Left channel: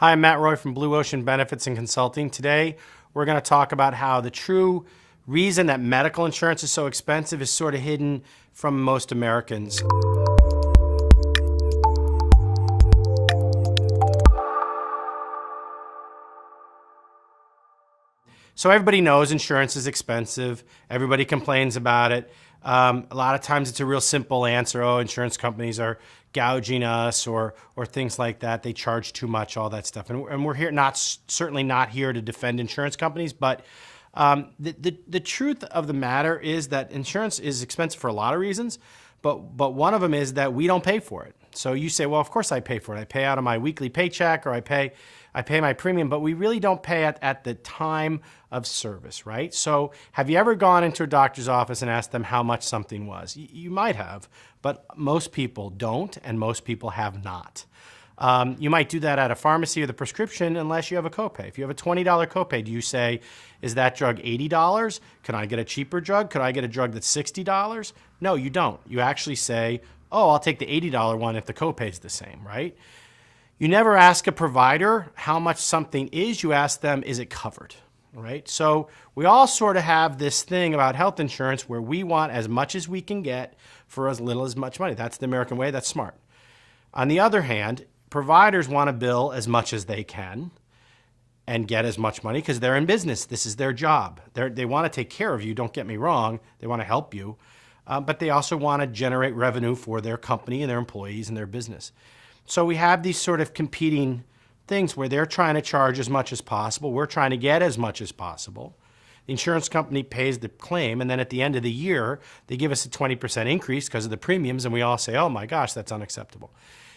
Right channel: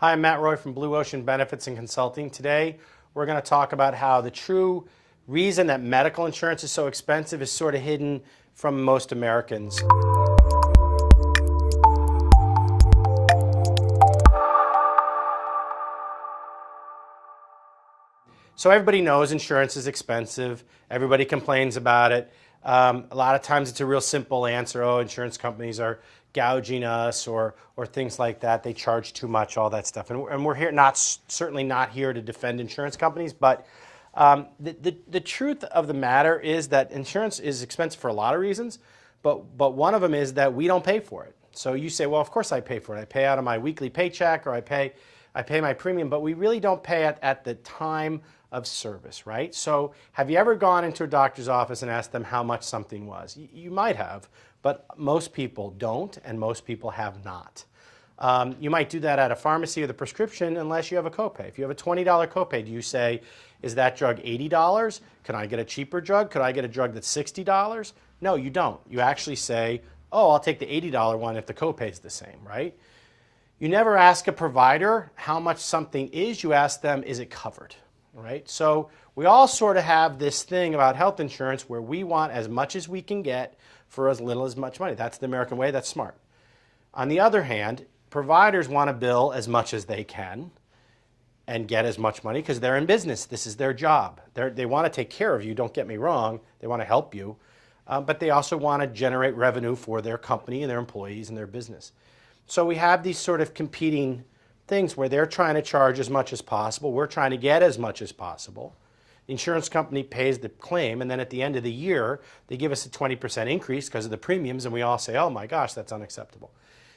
Hi, I'm Matt Roy from Blue Ocean Benefits and Consulting. Today, we're going to talk about how the true reason that medical insurance is so expensive is sort of hidden from most Americans. So everybody knows insurance is expensive. Everybody complains about it. A lot of times it's a real simple answer. Oh, insurance companies are gouging us or things like that. They charge too much, all that stuff. And we're here certainly not here to defend insurance companies, but the truth of the matter is that insurance is expensive for a lot of reasons, but one of them is that we don't pay for it. So you say, well, of course I pay for it. I pay out of my weekly paycheck or I pay my premium, but we really don't pay it at the time of service, right? So have you ever gone into a doctor's office and asked them how much something was? You might have, but most people don't, and most people have not. You might do that at a pharmacy with a prescription unless you have a copay. If you have a $20 copay, do you say, is that drug $80? Can I get a cheaper drug? Could I get a drug that's $60? No, you don't. You actually say, oh, I'll take the $80 one if the copay is the same, right? You never ask a provider how much something is. You ask them, is it covered, right? So we all sort of have this thing about health insurance where we want as much as we can get for as little as much money. That's the American way. That's smart. On the other hand, providers want to bill as much as they can and get as much money because they're in business. This is their job. They want to take care of you. Don't get me wrong. They want to help you. But they also want to generate revenue for their company and their employees and their business. So we have these sort of competing things where they're trying to charge as much as possible. We're trying to get as much as possible. The insurance company pays the claim, and then at the end of the year, they give us a 20% increase because of the premiums, and we all say, oh my gosh, that's unacceptable.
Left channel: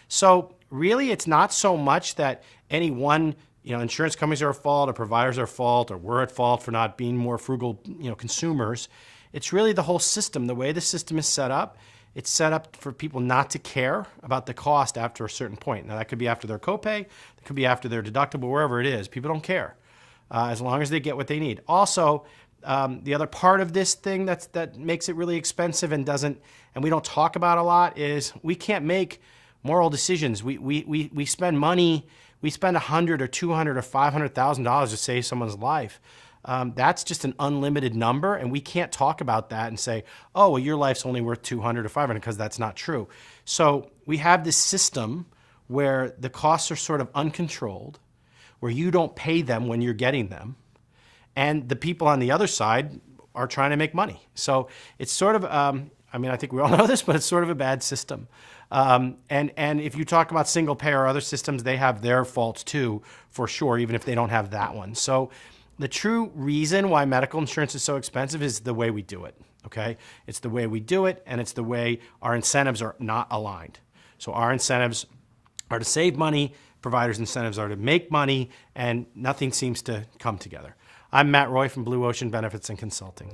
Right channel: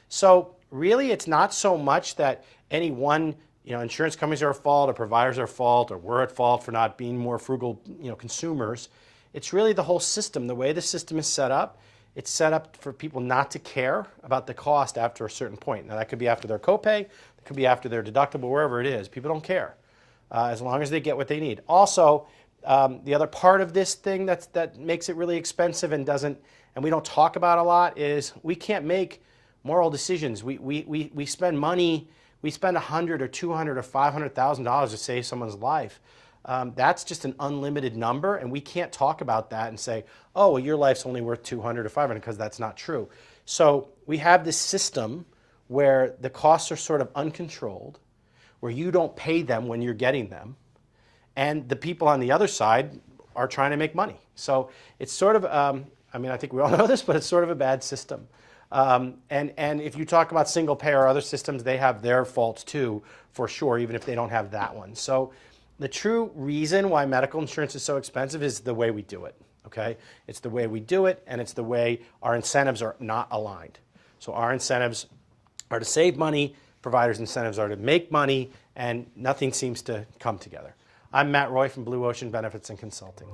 So really, it's not so much that any one insurance companies are at fault, or providers are at fault, or we're at fault for not being more frugal consumers. It's really the whole system, the way the system is set up. It's set up for people not to care about the cost after a certain point. Now, that could be after their copay, it could be after their deductible, wherever it is. People don't care as long as they get what they need. Also, the other part of this thing that makes it really expensive and we don't talk about a lot is we can't make moral decisions. We spend money. We spend $100 or $200 or $500,000 to save someone's life. That's just an unlimited number, and we can't talk about that and say, oh, well, your life's only worth $200 or $500, because that's not true. So we have this system where the costs are sort of uncontrolled, where you don't pay them when you're getting them, and the people on the other side are trying to make money. So it's sort of, I think we all know this, but it's sort of a bad system. And if you talk about single payer or other systems, they have their faults too, for sure, even if they don't have that one. So the true reason why medical insurance is so expensive is the way we do it, okay? It's the way we do it, and it's the way our incentives are not aligned. So our incentives are to save money, providers' incentives are to make money, and nothing seems to come together. I'm Matt Roy from Blue Ocean Benefits and Consulting.